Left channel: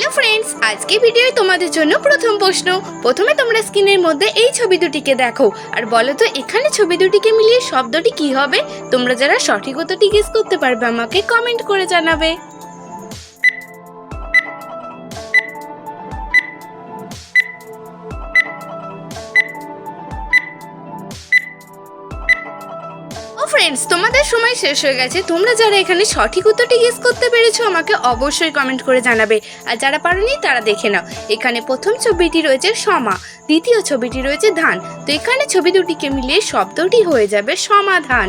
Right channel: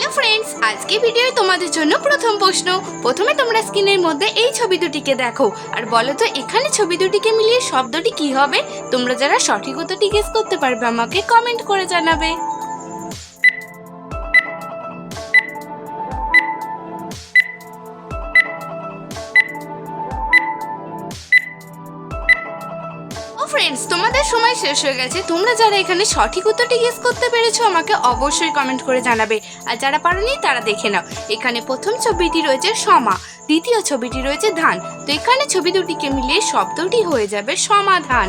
Hello friends, আজকে ভিডিওয় তোমাদের জন্য প্রথম প্রশ্ন। প্রথমে তোমরা স্ক্রিনের মধ্যে এই ছবি দুটিকে দেখো আর বলো তো এখানে ছবি দুটিকে মিলিয়ে শব্দটি কি হবে। তোমরা যারা সঠিক উত্তরটি গেস করতে পারবে আমাকে কমেন্ট করে জানাবে। ফ্রেন্ডস, তোমাদের সময় শেষ হয়ে গেছে। তোমরা যারা এখানে সঠিক উত্তরটি গেস করতে পেরেছো আমাকে অবশ্যই কমেন্ট করে জানাবে, আর যারা পারোনি তারা দেখে নাও। এখানে প্রথম ছবিটি রয়েছে সমা, দ্বিতীয় ছবিটি রয়েছে ধান। তো এখানে ছবি দুটিকে মিলিয়ে শব্দটি হয়ে যাবে সমাধান।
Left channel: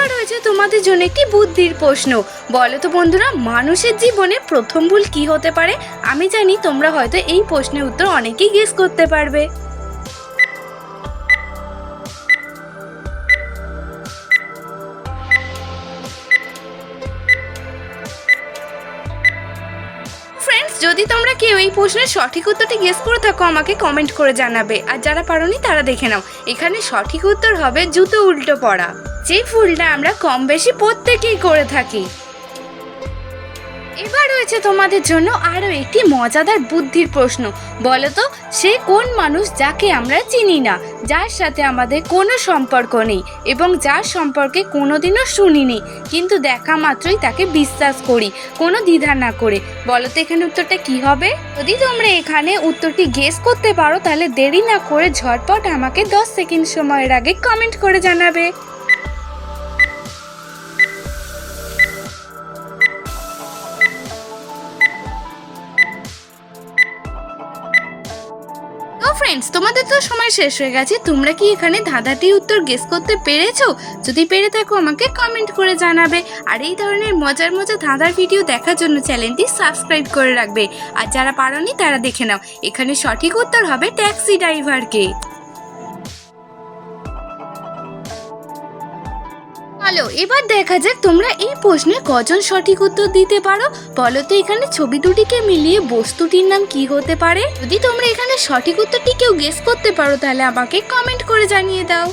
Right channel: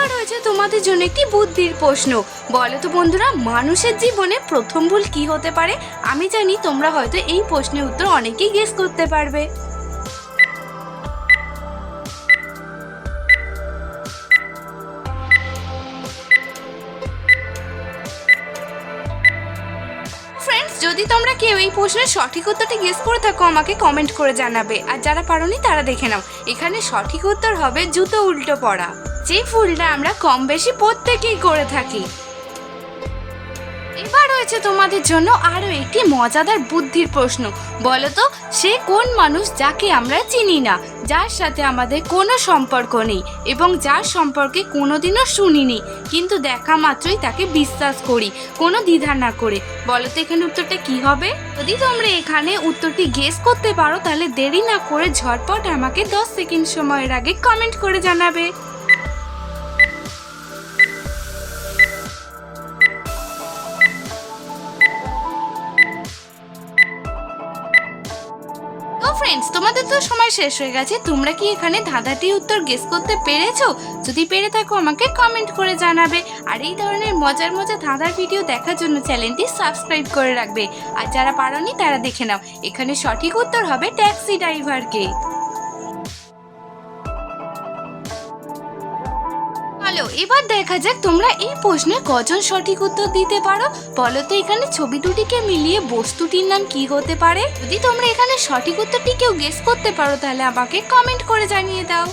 আর রয়েছে তোমাদের জন্য একটি বুদ্ধির প্রশ্ন। বলো তো বন্ধুরা, মানুষের জীবনে প্রথম ভুল কি হতে পারে? আমি জানি তোমরা হয়তো এই প্রশ্নের উত্তর অনেকেই গেস করতে পারবে। ফ্রেন্ডস, যদি তোমরা কেউ এই প্রশ্নের সঠিক উত্তরটি গেস করে থাকো আমাকে কমেন্ট করে জানাবে, আর যারা পারোনি তারা দেখে নাও। এখানে সঠিক উত্তর হবে জুতো উল্টো পড়া, যে ভুলটা আমরা কম বেশি প্রত্যেকেই করে থাকি। এবার রয়েছে তোমাদের জন্য আরো একটি মজাদার বুদ্ধির প্রশ্ন। বলো তো, সে কোন মানুষ যাকে আমরা চিনি না, যার সাথে আমাদের কোনো সম্পর্ক নেই এবং যার সম্পর্কে কোনোদিনও শুনিনি, কিন্তু দেখা মাত্রই তাকে বিশ্বাস করি কোনো দ্বিধা না করে। বলো তো এখানে উত্তরটা কি হবে? যদি তোমরা এখানে উত্তরটি গেস করতে পারো তাহলে দেরি না করে ঝটপট আমাকে 10 সেকেন্ড সময়ের আগে কমেন্ট করে জানাবে। ফ্রেন্ডস, তোমাদের তো সময় শেষ হয়ে গেছে। তোমরা কি এখানে ধাঁধাটির উত্তর গেস করতে পেরেছো? যদি পেরে থাকো আমাকে কমেন্ট করে জানাবে। আর এই ধরনের মজার মজার ধাঁধার ভিডিও দেখার জন্য চ্যানেলটি সাবস্ক্রাইব করে রাখবে, আর যারা পারোনি তারা দেখে নাও। এখানে সঠিক উত্তর হবে ট্যাক্সি ড্রাইভারকে। চলো এবার দেখা যাক তোমরা এই প্রশ্নে কজন সঠিক উত্তর দিতে পারো। বলো তো এখানে ছবি দুটিকে মিলিয়ে বস্তুটির নাম কি হতে পারে? যদি তোমরা এখানে সঠিক উত্তরটি কেউ গেস করতে পারো তাহলে আমাকে কমেন্ট করে জানিয়ে দাও।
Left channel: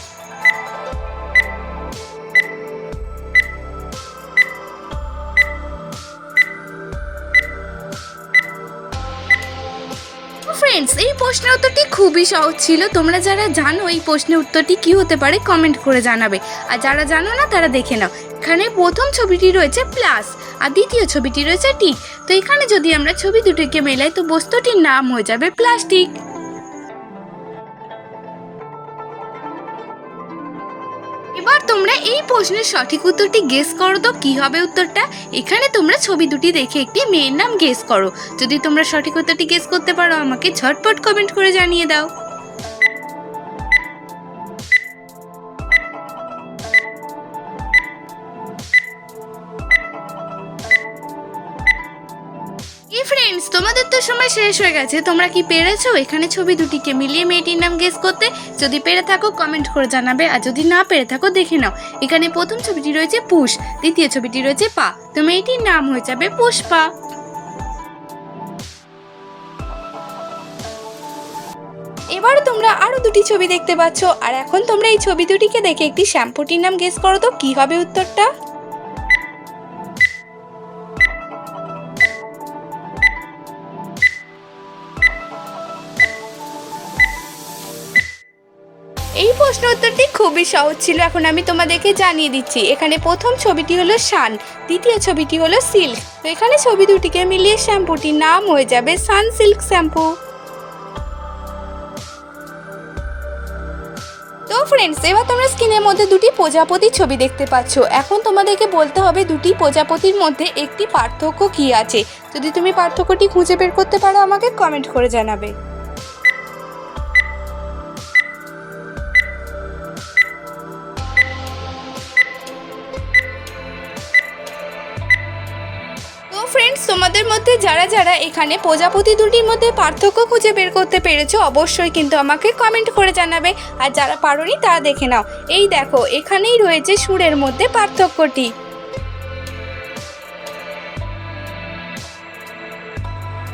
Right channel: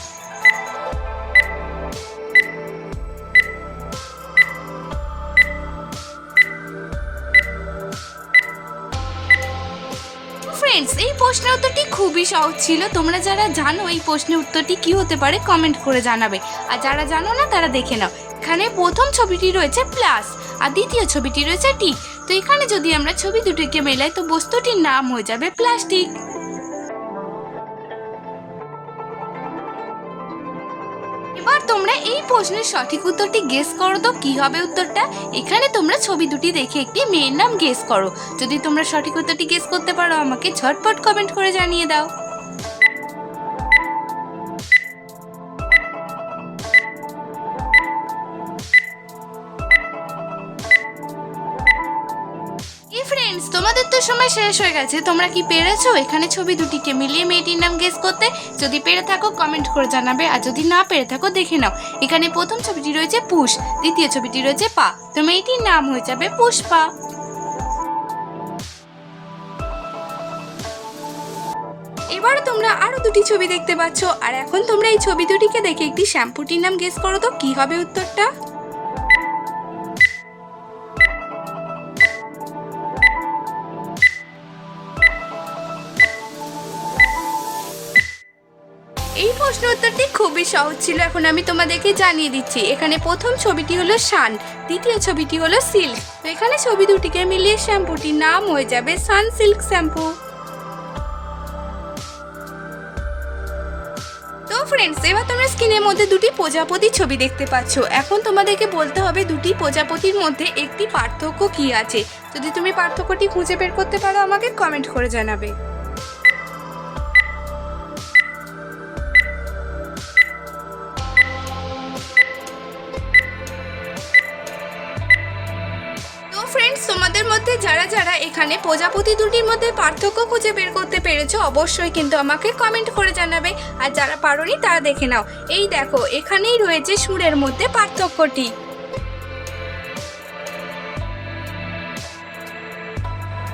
ফ্রেন্ডস, এই প্রশ্নের উত্তরটি খুবই সহজ ছিল। তোমরা যারা জানো এই প্রশ্নের উত্তরটি কি হতে পারে কমেন্ট করে জানাবে, আর যারা জানো না তারা দেখে নাও। এখানে প্রথম ছবিটি রয়েছে প্লাস আর দ্বিতীয় ছবিটি রয়েছে টিক। তো এখানে যদি আমরা ছবি দুটিকে মেলাই তো বস্তুটির নাম হয়ে যাবে প্লাস্টিক। এবার তোমরা এই প্রশ্নের সঠিক উত্তরটি গেস করো তো কি হবে উত্তরটা। এখানে তোমরা ছবি দুটি দেখে একটি মেয়ের নাম গেস করো। যদি তোমরা সঠিক উত্তরটি গেস করতে পারো আমাকে ঝটপট কমেন্ট করে জানিয়ে দাও। ফ্রেন্ডস, তোমাদের তো সময় শেষ হয়ে গেছে। তোমরা কি পেরেছো এখানে ছবি দুটিকে মিলিয়ে মেয়েটির নাম গেস করতে? যদি পেরে থাকো কমেন্ট করে জানাবে, আর যদি না পেরে থাকো দেখে নাও। এখানে প্রথম ছবিটি রয়েছে পুষ, দ্বিতীয় ছবিটি রয়েছে পা। তো মেয়েটির নাম হয়ে যাবে পুষ্পা। এবার তোমরা আরো দুটি ছবি দেখতে পাচ্ছ, আর এখন তোমরা এই ছবি দুটিকে দেখে একটি শ্যাম্পুটির নাম গেস করো তো কি হবে উত্তরটা। এই প্রশ্ন উত্তরটি খুবই সহজ ছিল। এখন আমি তোমাদেরকে জানিয়ে দিচ্ছি। এখানে প্রথম ছবিটি হলো সান, দ্বিতীয় ছবিটি হলো সিল্ক। তো এখানে ছবি দুটিকে মিলিয়ে শ্যাম্পুটির নাম হয়ে যাবে সানসিল্ক শ্যাম্পু। তো ফ্রেন্ডস, এবার তোমরা স্ক্রিনের মধ্যে দুটি প্রজাপতির ছবি দেখতে পাচ্ছ। এখন তোমাদেরকে বলতে হবে দুটি প্রজাপতির মধ্যে একটি পার্থক্য কি আছে। যদি তুমি পার্থক্যটি খুঁজে বের করতে পারো আমাকে কমেন্ট করে জানাবে। ফ্রেন্ডস, তোমাদের মধ্যে যারা যারা এখানে প্রজাপতি দুটির মধ্যে পার্থক্য খুঁজে বের করতে পেরেছো অবশ্যই কিন্তু আমাকে কমেন্ট করে জানাবে, আর যারা পারোনি তারা দেখে নাও। এই দেখো এখানেই রয়েছে সুরের মধ্যে পার্থক্যটি।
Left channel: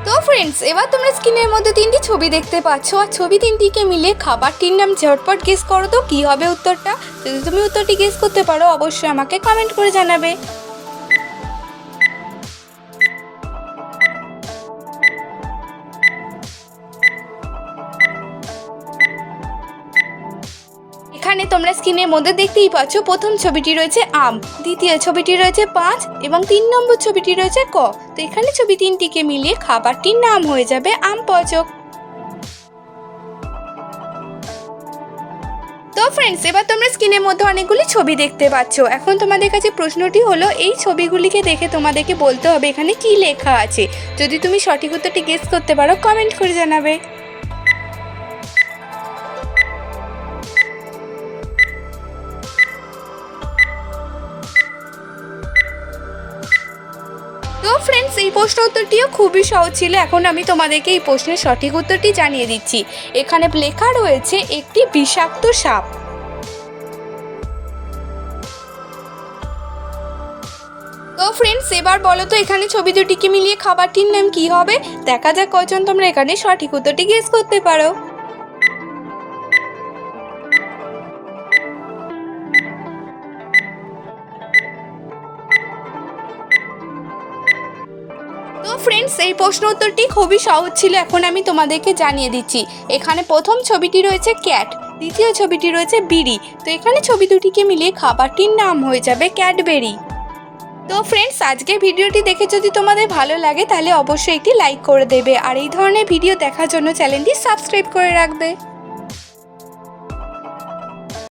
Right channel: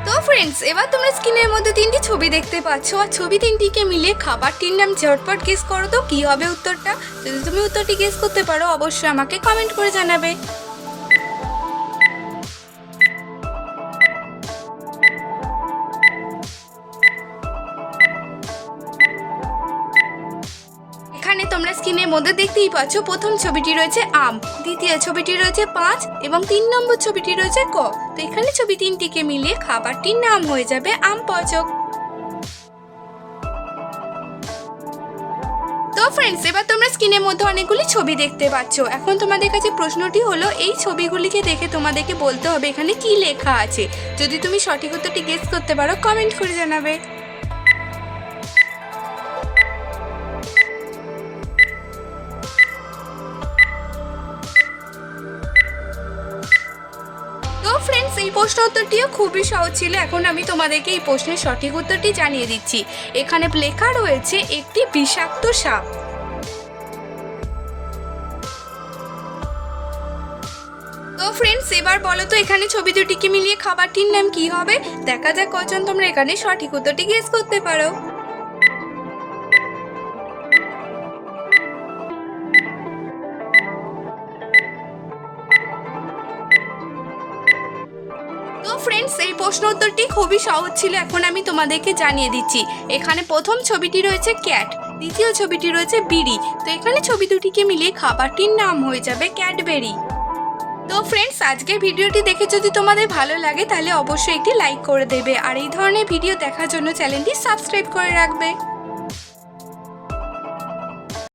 তো ফ্রেন্ডস, এবার তোমরা স্ক্রিনের মধ্যে তিনটি ছবি দেখতে পাচ্ছ, আর ছবি তিনটিকে মিলে খাবারটির নাম ঝটপট গেস করো তো কি হবে উত্তরটা। যদি তুমি উত্তরটি গেস করতে পারো অবশ্যই আমাকে কমেন্ট করে জানাবে। এখানে তোমরা স্ক্রিনের মধ্যে দেখতেই পাচ্ছ, প্রথম ছবিটি রয়েছে আম, দ্বিতীয় ছবিটি রয়েছে 5 এবং 3 নম্বর ছবিটি রয়েছে ক। তো এখানে ছবি তিনটিকে মিলিয়ে খাবারটির নাম হয়ে যাবে আম পচক। তো ফ্রেন্ডস, এবার তোমরা স্ক্রিনের মধ্যে অনেকগুলি ছবি দেখতে পাচ্ছ। এখন তোমাদের কাছে প্রশ্নটি হলো, এই ছবিগুলিকে দেখে তোমাদেরকে বলতে হবে এখানে কি লেখা আছে। যদি তুমি সঠিক উত্তরটি গেস করতে পারো কমেন্ট করে জানাবে। তো ফ্রেন্ডস, এই প্রশ্ন উত্তরটিও খুবই সহজ ছিল। এখন আমি তোমাদেরকে এই প্রশ্নের সঠিক উত্তরটি জানিয়ে দিচ্ছি। এখানে লেখা রয়েছে একটি বিষাক্ত সাপ। তো ফ্রেন্ডস, এবার বলো তো এখানে ছবি দুটিকে মিলিয়ে খাবারটির নাম কি হবে। দেখা যাক কয়জন তোমরা এখানে সঠিক উত্তরটি গেস করতে পারো। তো ফ্রেন্ডস, এই প্রশ্ন উত্তরটি খুবই সহজ ছিল। এখন আমি তোমাদেরকে জানিয়ে দিচ্ছি। এখানে প্রথম ছবিটি রয়েছে ক্যাট, দ্বিতীয় ছবিটি রয়েছে বিড়ি। তো এখানে ছবি দুটিকে মিলিয়ে খাবারটির নাম হয়ে যাবে ক্যাডবেরি। তো ফ্রেন্ডস, আজকের ভিডিওটি দেখে যদি তোমাদের ভালো লাগে তাহলে অবশ্যই একটি লাইক করে দেবে, আর এই ধরনের ভিডিও দেখার জন্য চ্যানেলটি সাবস্ক্রাইব করে রাখবে।